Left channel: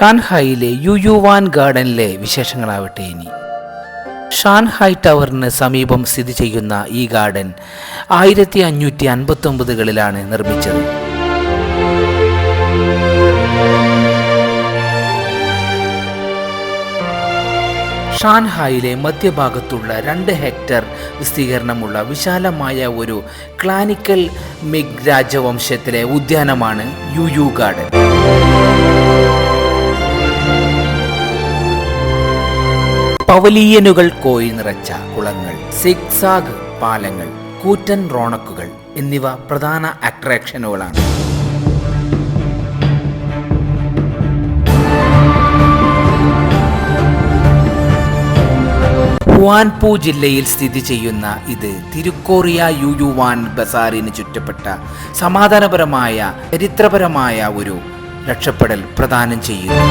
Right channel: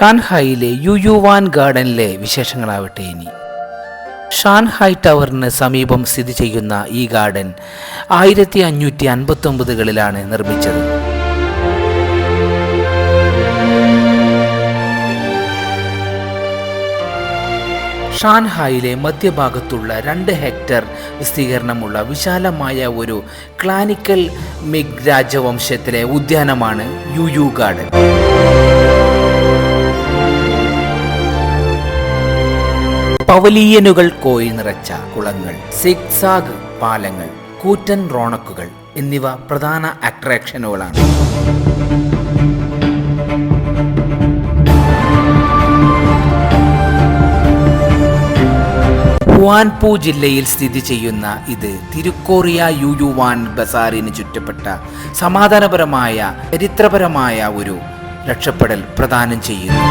ഷാൻഹായിലെ യുയുവാൻ ഗാർഡനിലെ വിശേഷങ്ങളാവട്ടെ ഇനി. ഷാൻഹായ് ടവറിന് സമീപം സ്ഥിതി ചെയ്യുന്ന ഈ ഗാർഡൻ 1559കളിലാണ് നിർമ്മിച്ചത്. ഷാൻഹായിലെ മധ്യഭാഗത്തുള്ള 2 ഹെക്ടർ വിസ്തീർണമുള്ള വിശാലമായ ഒരു ക്ലാനിക്കൽ മിഗ് രാജവംശത്തിലെ ഉദ്യാനമാണ് യുയു ഗാർഡൻ. പവലിയനുകൾ കോയിൽ നിറച്ച കുളങ്ങൾ, സിഗ്സാഗ് പാലങ്ങൾ, കൂറ്റൻ റോണക്കുകൾ എന്നിവ പ്രധാന അട്രാക്ഷനുകളാണ്. ഹുവാൻപു ജില്ലയിൽ സ്ഥിതി ചെയ്യുന്ന ഇത് തിരുക്കോറിയ യുയുവാൻ ബസാറിന് ചുറ്റപ്പെട്ട സമാധാനപരമായ ചരിത്രപരമായ ഒരു രക്ഷപ്പെടൽ പ്രദാനം ചെയ്യുന്നു.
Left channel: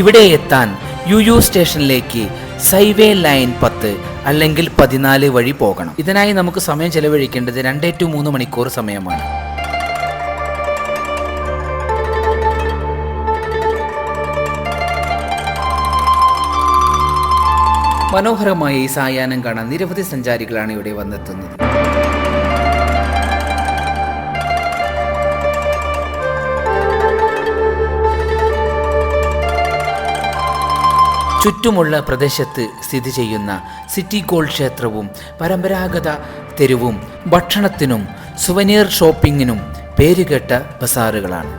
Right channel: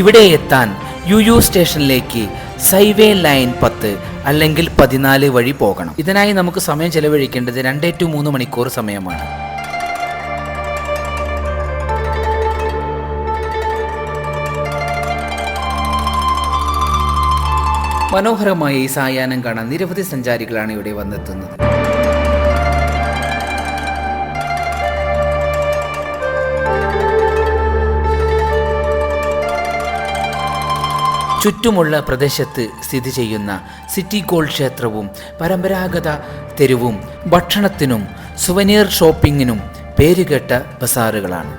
ഇവിടെ എത്താൻ യുയു സ്റ്റേഷനിലേക്ക് സൈവേ ലൈൻ 10 അല്ലെങ്കിൽ 14 വഴി പോകണം. ഇതിനായി നമുക്ക് സമയം ചെലവഴിക്കേണ്ടത് 2 to 3 മണിക്കൂർ സമയമാണ്. മനോഹരമായ ഈ സായാഹ്നം കാണാൻ നിരവധി സഞ്ചാരികളാണ് ഇവിടെ വന്നെത്തുന്നത്. ചുറ്റുമുള്ള പ്രദേശത്ത് സ്ഥിതി ചെയ്യുന്ന സിറ്റി ഗോൾഡ് ക്ഷേത്രവും പരമ്പരാഗത തെരുവും ഭക്ഷണത്തിനും സുവനീർ ഷോപ്പിങ്ങിനും പേരുകേട്ട ബസാറുകളാണ്.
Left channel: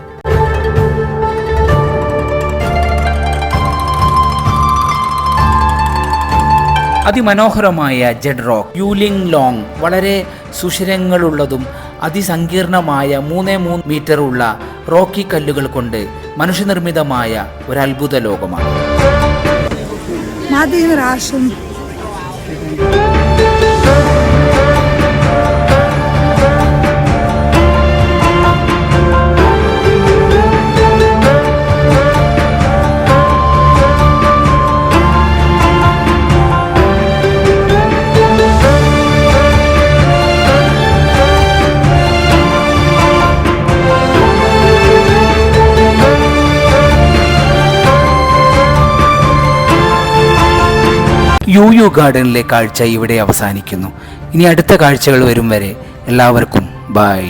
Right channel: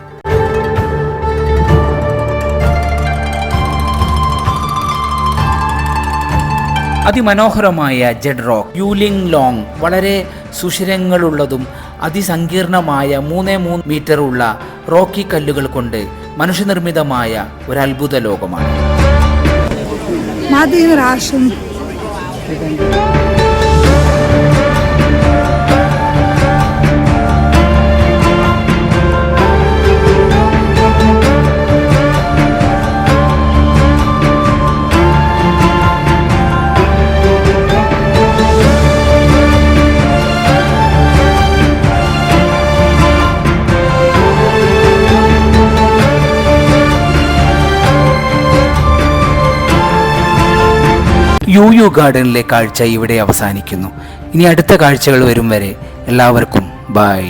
അതിമനോഹരമായ ജെഡ് റോക്ക്, യുലിംഗ് ലോങ് വളരെ സുഷിരങ്ങളുള്ളതും അതിസങ്കീർണമായ 3 മീറ്റർ ഉള്ള റോക്കി കല്ലുകൾ കൊണ്ട് മനുഷ്യനിർമ്മിതമായ ഒരത്ഭുത ലോകമാണ്. യുയു ഗാർഡനിലെ കാഴ്ച ഇവിടെ അവസാനിക്കുന്നു. ഇനി അടുത്ത കാഴ്ചകൾ വരും വരെ എല്ലാവർക്കും ബൈ.